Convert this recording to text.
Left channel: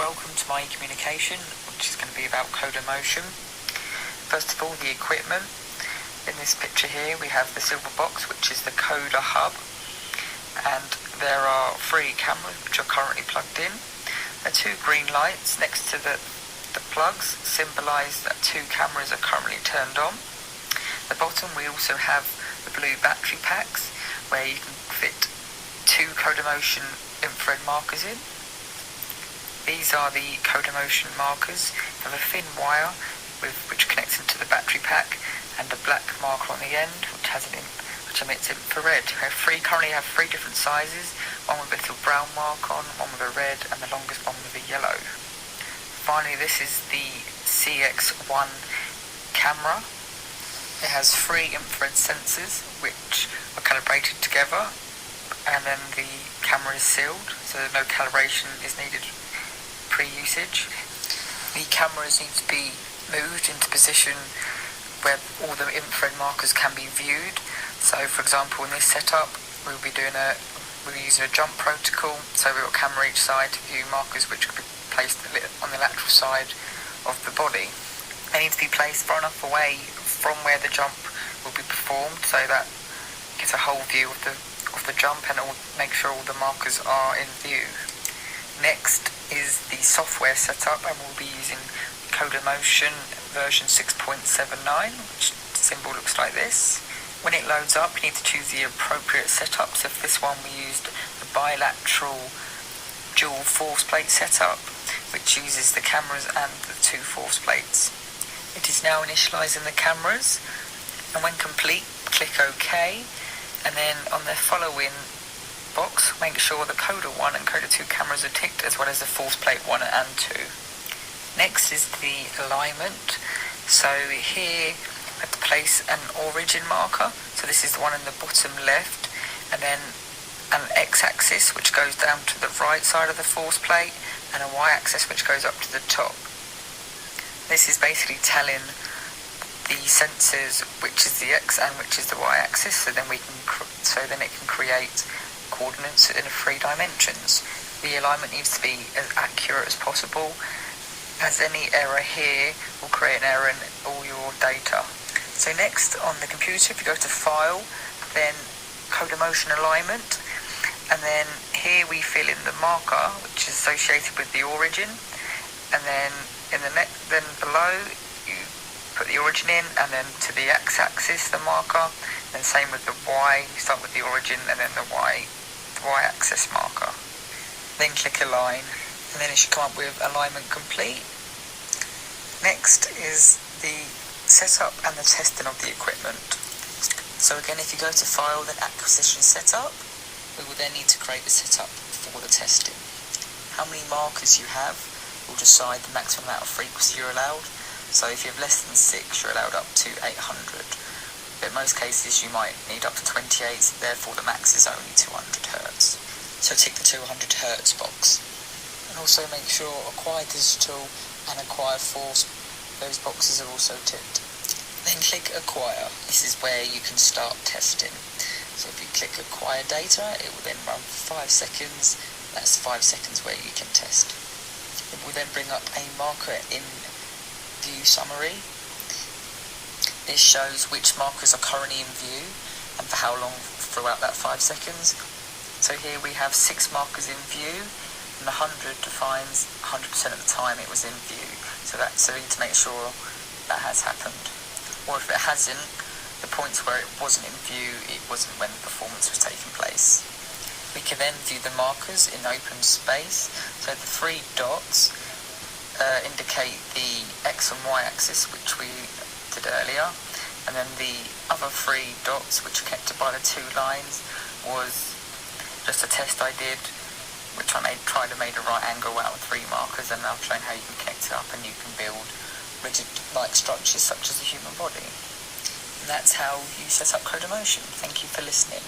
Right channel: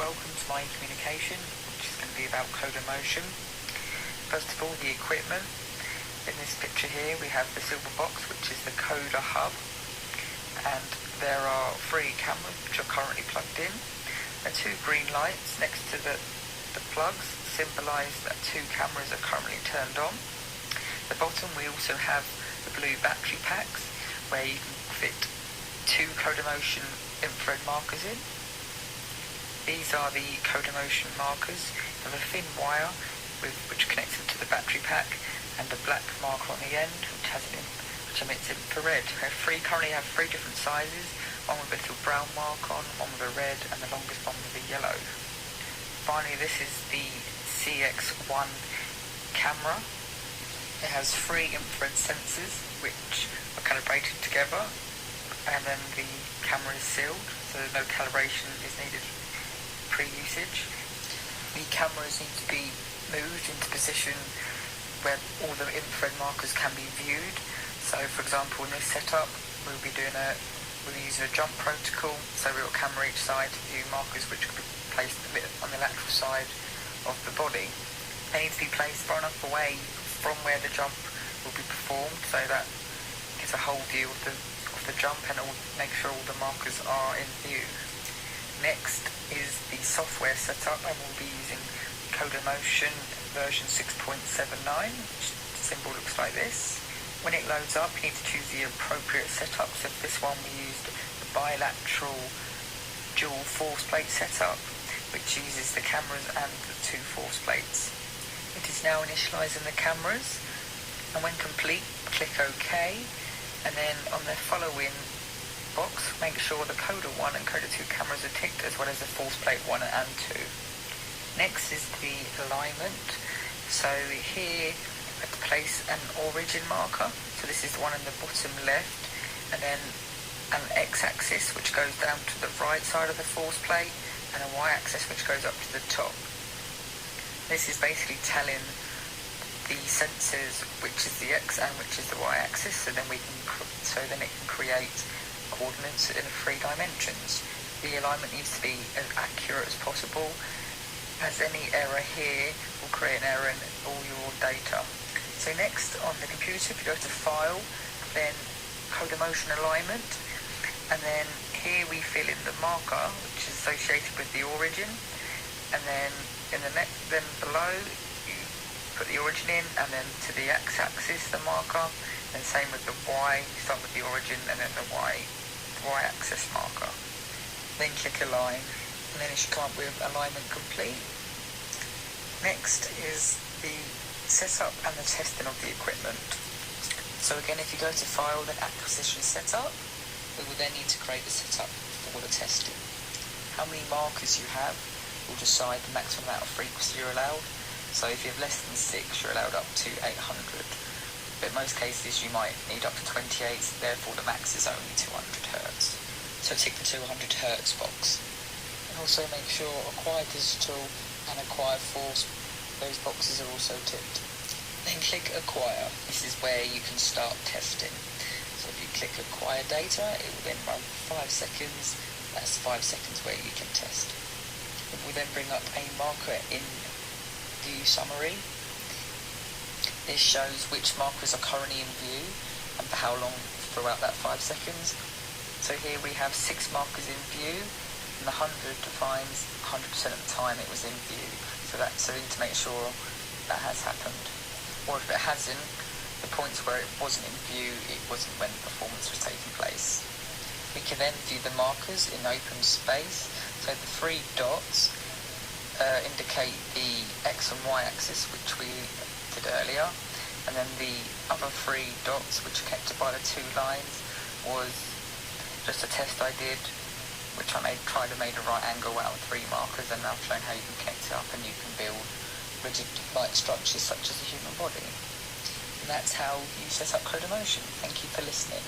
welcome to my communication, which is going to be about Codamotion. First of all, the equipment. In this picture here we have the silver box, which is the Coda hub, and there are 3 cameras which are currently plugged in. There are 2 green lights next to the plugs, symbolise that 2 cameras are currently turned on. At the bottom we also have the blue battery packs, where you can fit 2 Codamotion infrared markers in. These are the Codamotion markers. They have a thin wire which connects into the battery pack, and a black marker on the end which emits infrared. We currently have 3 different sizes, one with a little brown mark on, one with a red, and the longest one with a yellow. Finally, this is the CX1 camera. It has 3 infrared sensors which are calibrated together, and then the camera is sealed, so no calibration is needed pre-usage. The cameras need to be moved into position where all the infrared markers can be viewed. So for example, in this setup we'll be using a jump protocol, so we've got a camera each side to view markers which could be placed on the lateral side of the body. They need to be placed far enough away from where the jump will be performed, so that gives a whole view of the jump, and it will make sure all the markers are in view. Next is the software setup, and we'll be using Codamotion version 6.79, which the symbol looks like this. When it loads up, you need to choose the appropriate setup. So for this one we used the bilateral dual force plate setup, which uses the cameras and the 2 force plates. It is now initialising the cameras, and when complete, click OK, and then on the following box, make sure the Coda 1 and Coda 2 cameras are ticked, as well as the force plate 1 and 2. Next is the alignment. So here I have to place an origin marker, so this is the one in the bottom left, and then an x-axis which goes down to the right side of the force plate, and a y-axis which goes up to the top. This is basically telling the sensors which is the x and which is the y-axis, so then it can create coordinates in 3 dimensions. The alignment needs to be as accurate as possible, as any error here will create an error in all your data. So next, on the computer, if you go to File, then Codamotion Alignment, and then here we fill in the marker which is associated with the origin, and then then below you put the origin in, and then to the x-axis the marker, and same with the y. You start with the origin and then the y-axis marker. Then click Align, and then it should come up with alignment complete. Next is the setup and the testing of the equipment. So again, if you go to File, then Acquisition Setup, we will then need to create a setup for the testing. How many markers you have will decide the maximum amount of frequency you're allowed. So if you have less than 6, you're allowed up to 800. But in most cases you might need up to 28, so therefore the max is only 200 Hz. So tick the 200 Hz box. And also make sure Acquire Digital and Acquire Force, those boxes are also ticked. Then click Acquire. This is where you can start testing. So if you click Acquire Data, it will then run for 5 seconds. That's 5 seconds where you can test. It will then bring up a marker in View Summary. This shows which markers are currently in view and for how long throughout that 5 seconds. So here we have 6 markers in view, and the 100 defines 100% of the time it was in view. So we need to make sure that has happened. Or if it hasn't, the points where it wasn't in view, it wasn't when the performance was taking place. We can then view the markers in open space. So the 3 dots indicate the x and y axis, which we did earlier, and then the other 3 dots, which are connected by the 2 lines, was just a test I did, which I tried to make a right angle out of 3 markers, and I've shown how you can connect it up and you can build rigid-like structures such as the human body. And that's how you set up Codamotion. Thank you for listening.